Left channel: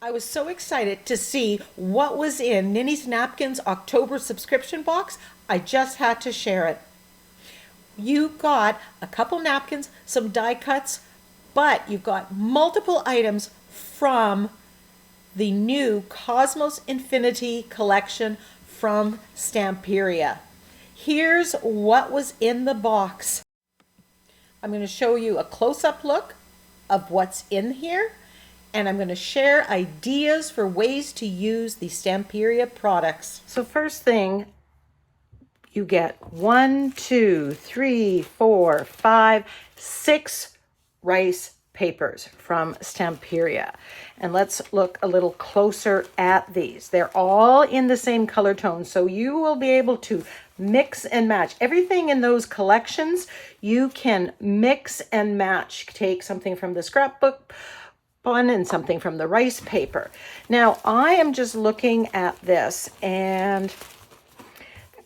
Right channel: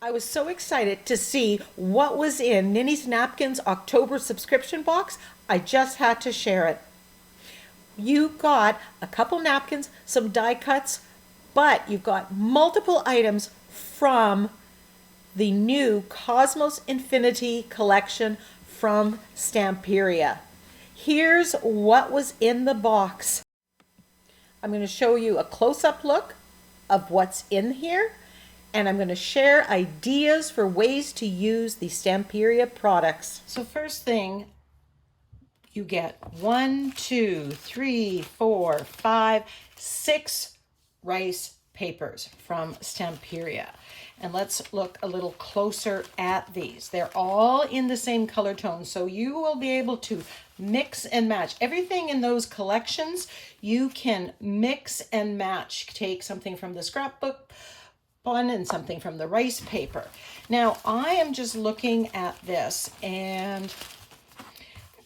I was so excited to see what was in Ninny's Napkins October subscription box. I just had to share it. You got a couple napkins, some die cuts, but you got multiple items from the new Cosmos Infinity collection from Stamperia. Here's what was in the box. I'm going to show you a close-up look of what's in here, and I'm going to share ideas for ways to use the Stamperia products. So first thing, you get 1, 2, 3, 4, 5, 6 rice papers from Stamperia. And let's look a little closer at these. They're all in the same color tone, so you will be able to mix and match. Everything in those collections, you can mix and match. Take something from the scrapbook one and something from the rice paper. Now, I am just looking at this and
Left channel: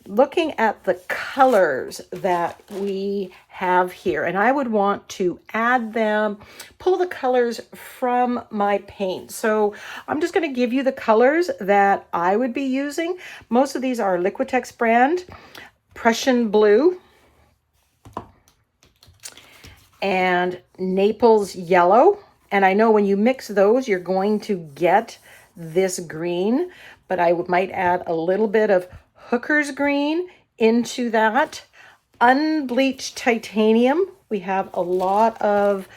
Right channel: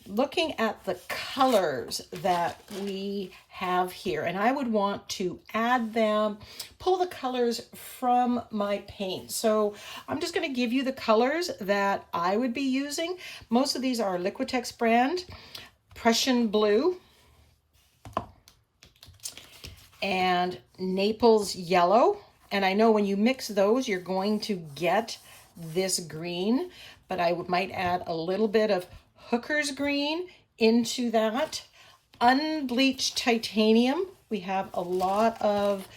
looking at the colors that we have here, and I would want to add them, pull the colors from my paint. So I'm just going to give you the colors that I would be using. Most of these are Liquitex brand, Prussian blue, and Naples yellow. And I know when you mix those, you're going to get this green, but I might add a little bit of Hooker's green into that. Unbleached titanium. We have a lot of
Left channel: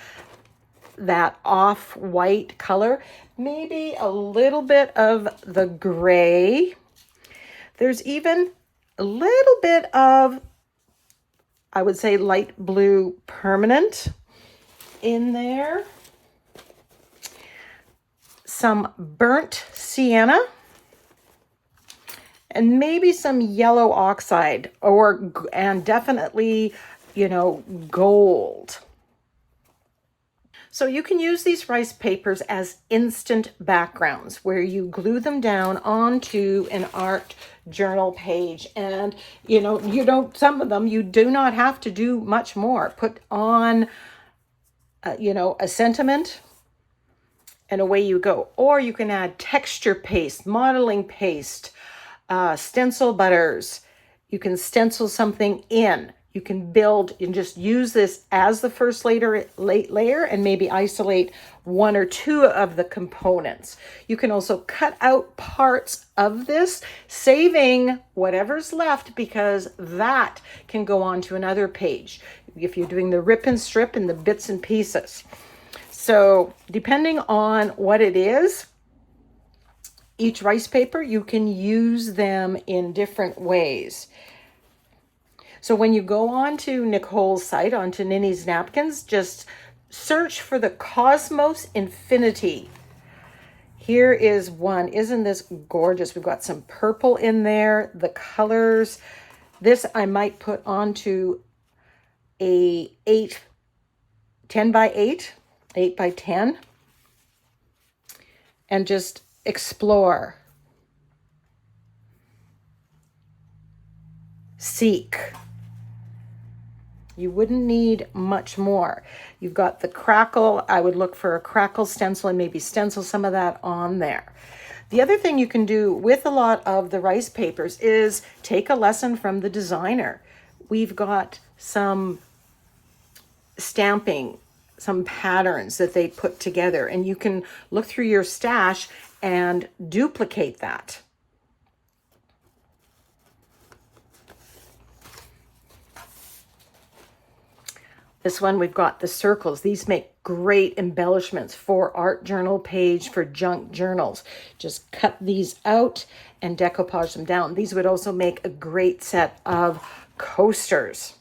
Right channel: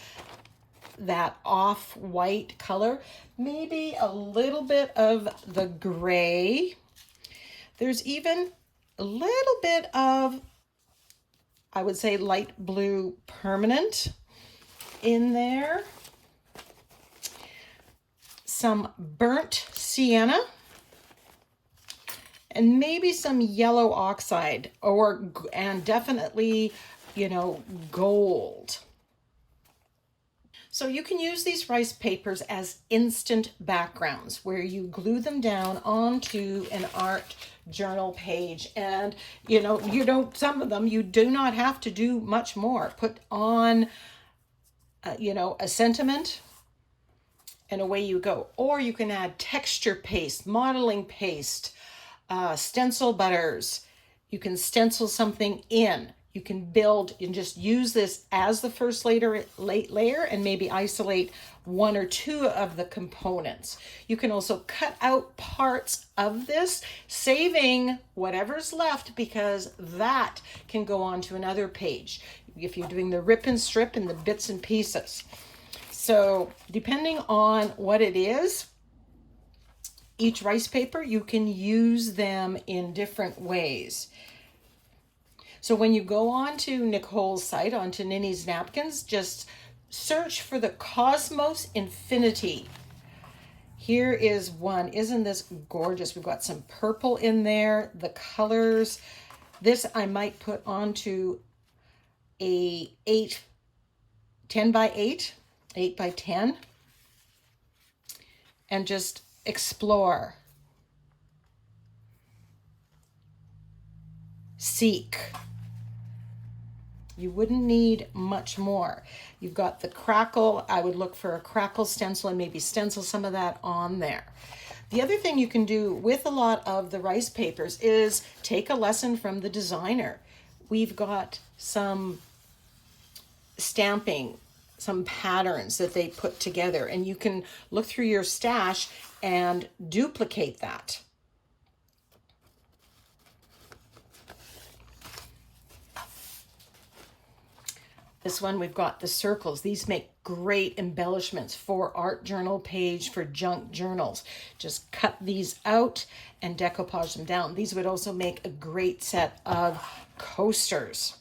that off-white color. Maybe a little bit of the gray. There's even a little bit of, I would say, light blue permanent in there. Some burnt sienna. And maybe some yellow oxide and definitely, gold. So you can use these rice papers as instant backgrounds where you glue them down onto an art journal page. And, some of them, you do not have to do much more. Put on, a sentiment and away you go. Or you can add texture paste, modeling paste, stencil butters. You can stencil something in. You can build and just use this as the first layer and maybe isolate 1 or 2 of the components. You can also cut out parts of this, saving whatever's left because that can go on to another page if you're doing the rip and strip and the bits and pieces. So depending on what it is, each rice paper, you can use them in different ways. So when you go on to Nicole's site, onto Ninny's Napkins, just search for the Cosmos Infinity. Here is one. Isn't this gorgeous? We've got some purple in there, the colors. This I might put onto a 10 by 8 by 10, and just explore, seek. You wouldn't need much more. You've got the crackle. I would look for a crackle stencil and maybe stencil some of that on there. The other thing you can do with a lot of the rice papers is take a lesson from the designer. We've got some stamping, some patterns that they put together, and you can look through your stash and duplicate that. This one, we've got the circles. These make great embellishments for art journal page, for junk journals. Just cut these out and decoupage them down. These would also make a great set of coasters.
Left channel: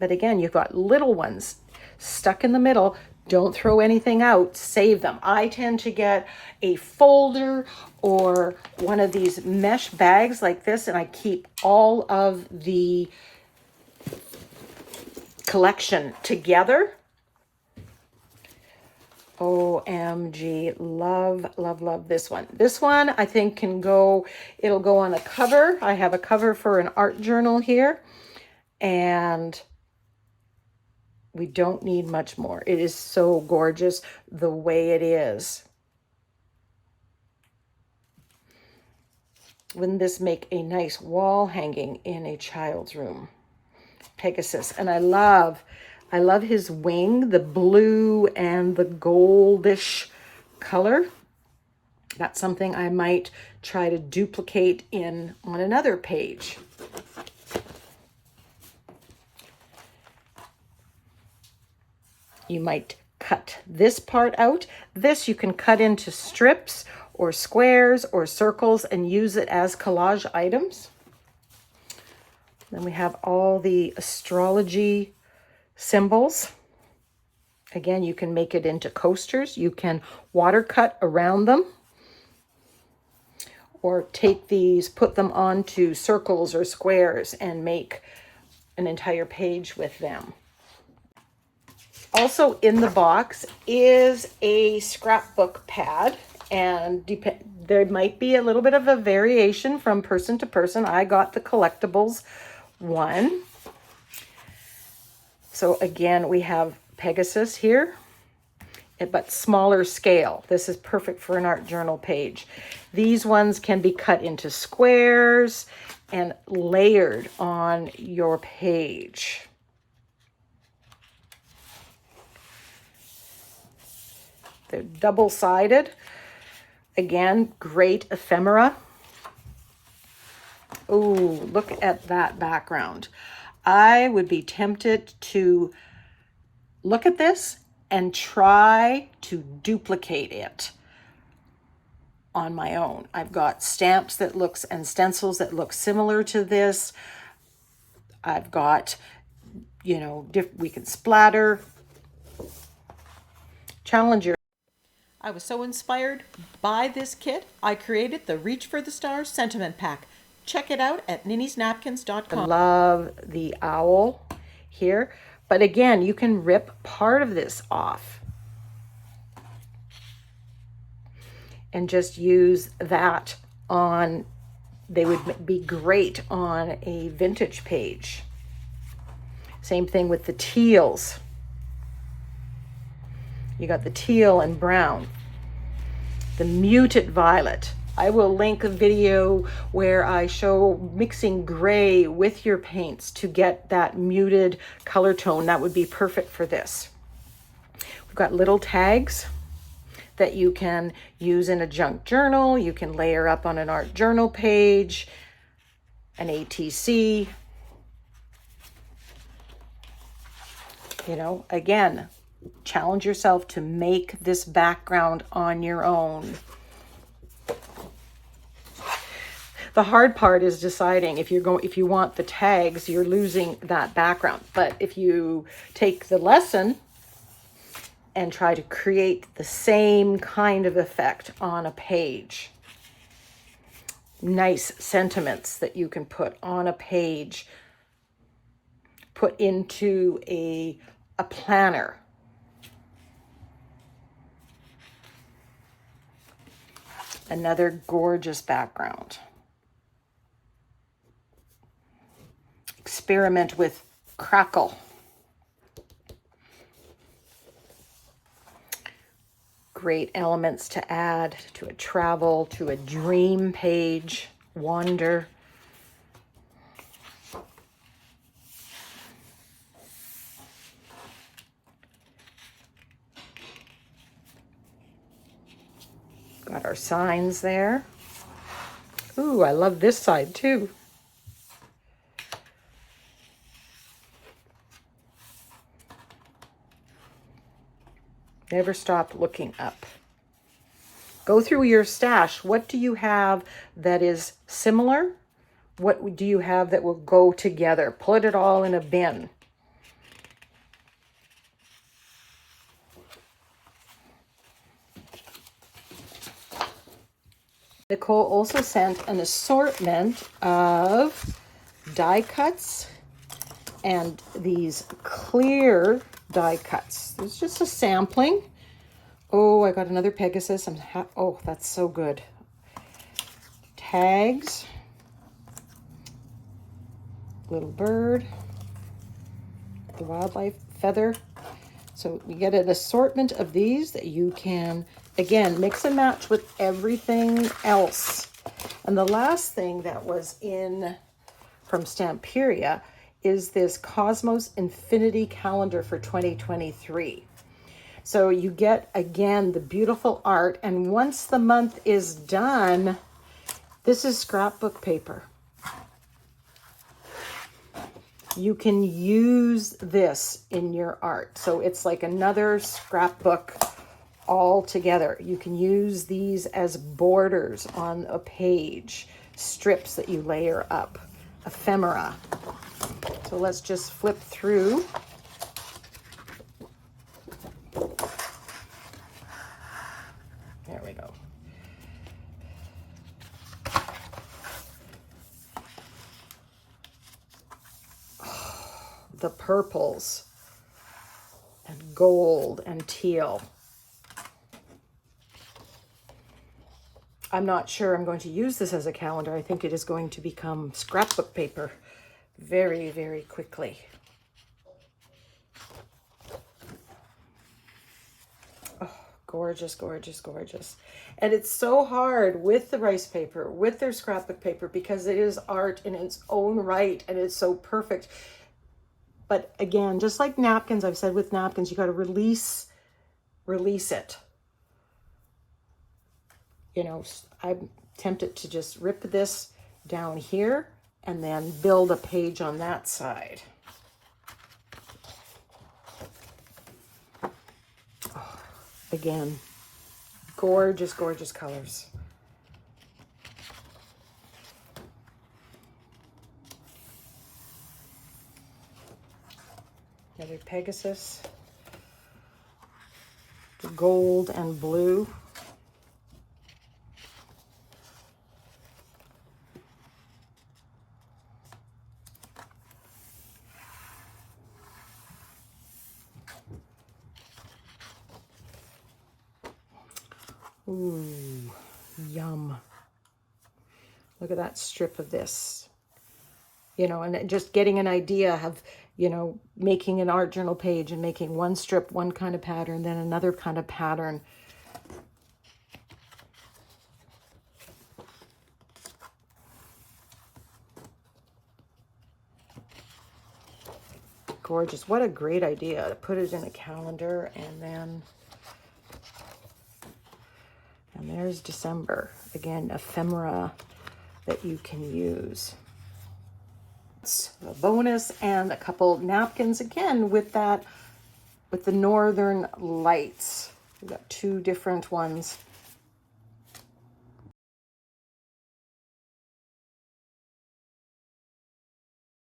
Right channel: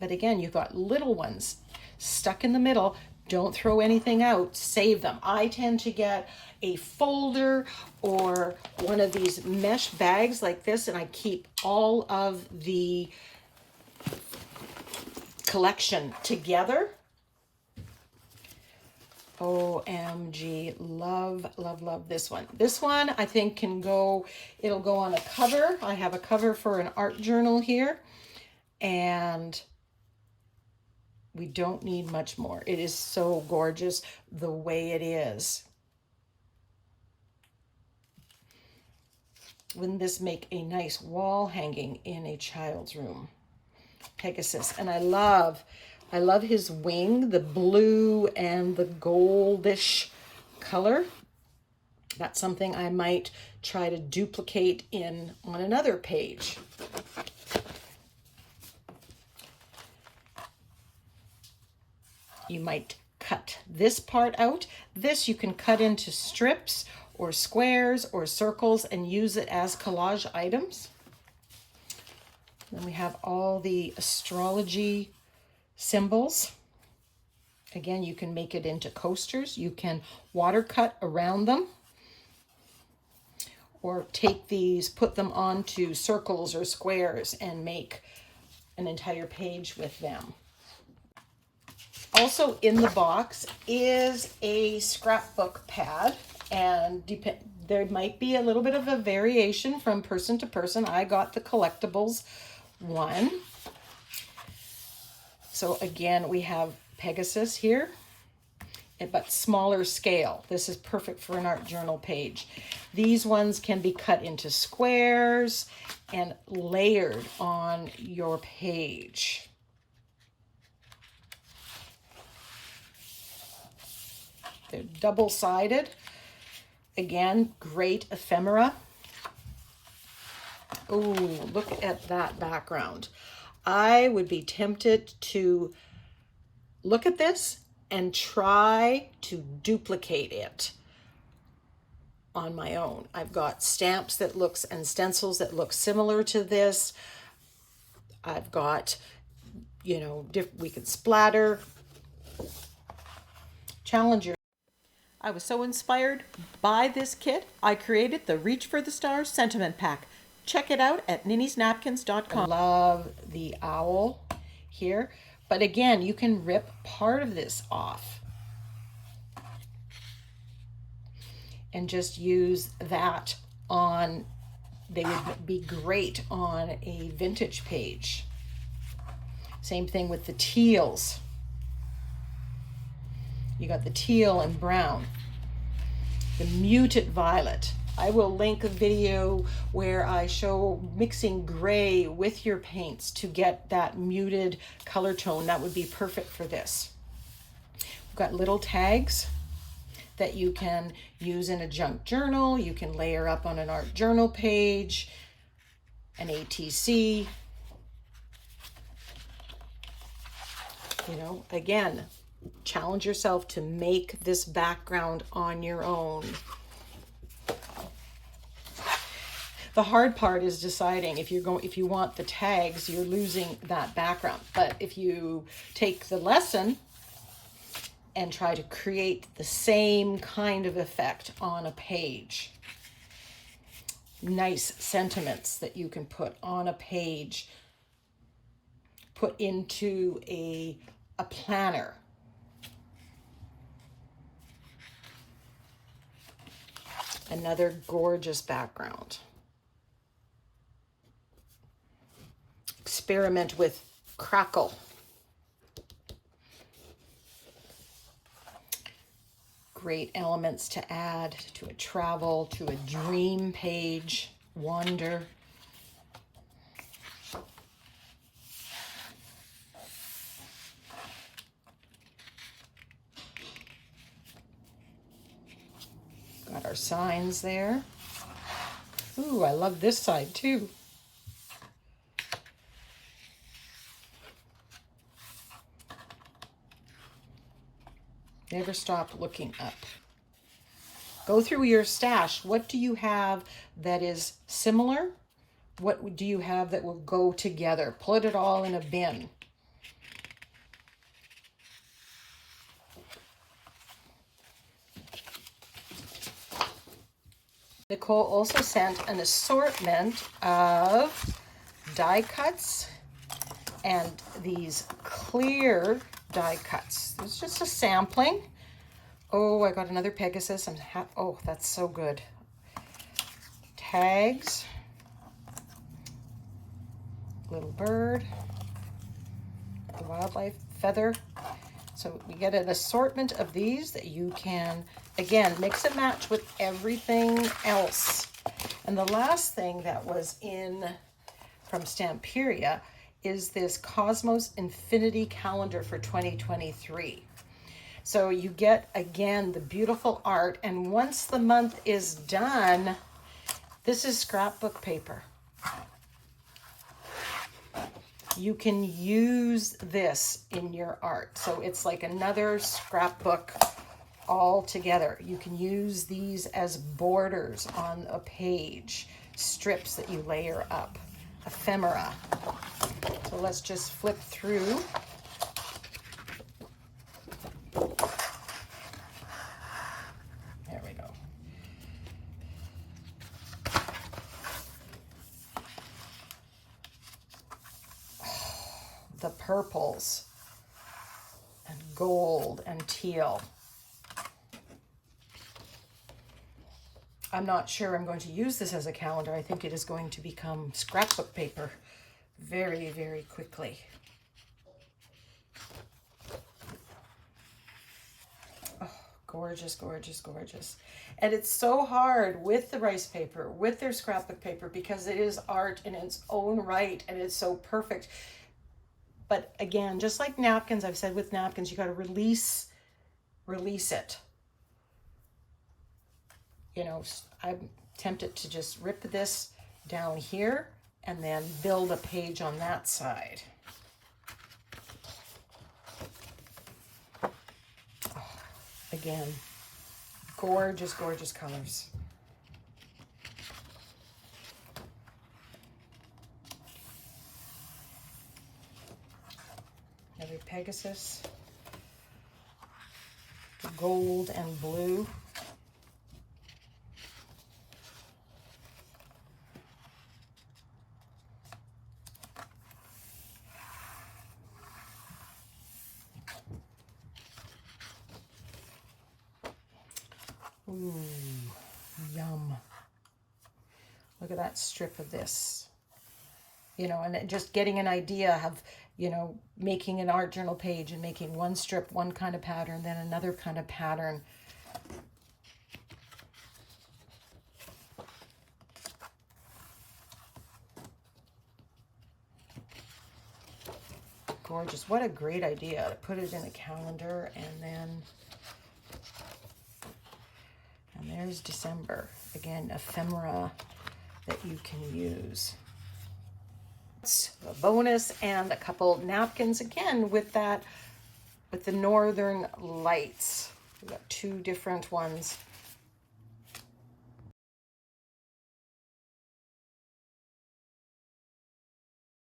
But again, you've got little ones stuck in the middle. Don't throw anything out, save them. I tend to get a folder or one of these mesh bags like this, and I keep all of the collection together. OMG, love, love, love this one. This one I think it'll go on a cover. I have a cover for an art journal here, and We don't need much more. It is so gorgeous the way it is. Wouldn't this make a nice wall hanging in a child's room? Pegasus. And I love his wing, the blue and the goldish color. That's something I might try to duplicate on another page. You might cut this part out. This you can cut into strips or squares or circles and use it as collage items. Then we have all the astrology symbols. Again, you can make it into coasters. You can watercut around them, or take these, put them onto circles or squares and make an entire page with them. Also in the box is a scrapbook pad, and there might be a little bit of a variation from person to person. I got the collectibles one. So again, we have Pegasus here, but smaller scale. This is perfect for an art journal page. These ones can be cut into squares and layered on your page. They're double-sided. Again, great ephemera. Oh, look at that background. I would be tempted to look at this and try to duplicate it on my own. I've got stamps that looks and stencils that look similar to this. I've got, you know, we can splatter. Challenge your. I was so inspired by this kit, I created the Reach for the Stars Sentiment Pack. Check it out at NinnysNapkins.com. I love the owl here, but again, you can rip part of this off and just use that on, they would be great on a vintage page. Same thing with the teals. You got the teal and brown, the muted violet. I will link a video where I show mixing gray with your paints to get that muted color tone. That would be perfect for this. We've got little tags that you can use in a junk journal. You can layer up on an art journal page, an ATC. You know, again, challenge yourself to make this background on your own. The hard part is deciding if you want the tags, you're losing that background. But if you take the lesson and try to create the same kind of effect on a page, nice sentiments that you can put on a page, put into a planner. Another gorgeous background. Experiment with crackle. Great elements to add to a travel, to a dream page, wander. Got our signs there. Ooh, I love this side too. Never stop looking up. Go through your stash. What do you have that is similar? What do you have that will go together? Put it all in a bin. Nicole also sent an assortment of die cuts and these clear die cuts. It's just a sampling. Oh, I got another Pegasus. Oh, that's so good. Tags. Little bird. The wildlife feather. So you get an assortment of these that you can, again, mix and match with everything else. And the last thing that was in from Stamperia is this Cosmos Infinity Calendar for 2023. So you get, again, the beautiful art. And once the month is done, this is scrapbook paper. You can use this in your art. So it's like another scrapbook all together. You can use these as borders on a page, strips that you layer up, ephemera. So let's just flip through. There we go. The purples and gold and teal. I'm not sure I'm going to use this as a calendar. I think it is going to become scrapbook paper very, very quickly. Oh, gorgeous, gorgeous, gorgeous. And it's so hard with the rice paper, with their scrapbook paper, because it is art in its own right and it's so perfect. But again, just like napkins, I've said with napkins, you got to release it. You know, I'm tempted to just rip this down here and then build a page on that side. Oh, again, gorgeous, gorgeous colors. Another Pegasus, the gold and blue. Ooh, yum. Look at that strip of this. You know, and just getting an idea of, you know, making an art journal page and making one strip, one kind of pattern, then another kind of pattern. Gorgeous. What a great idea to put it in a calendar. And there's December. Again, ephemera that you can use. A bonus, and a couple napkins again with that, with the Northern Lights. We've got two different ones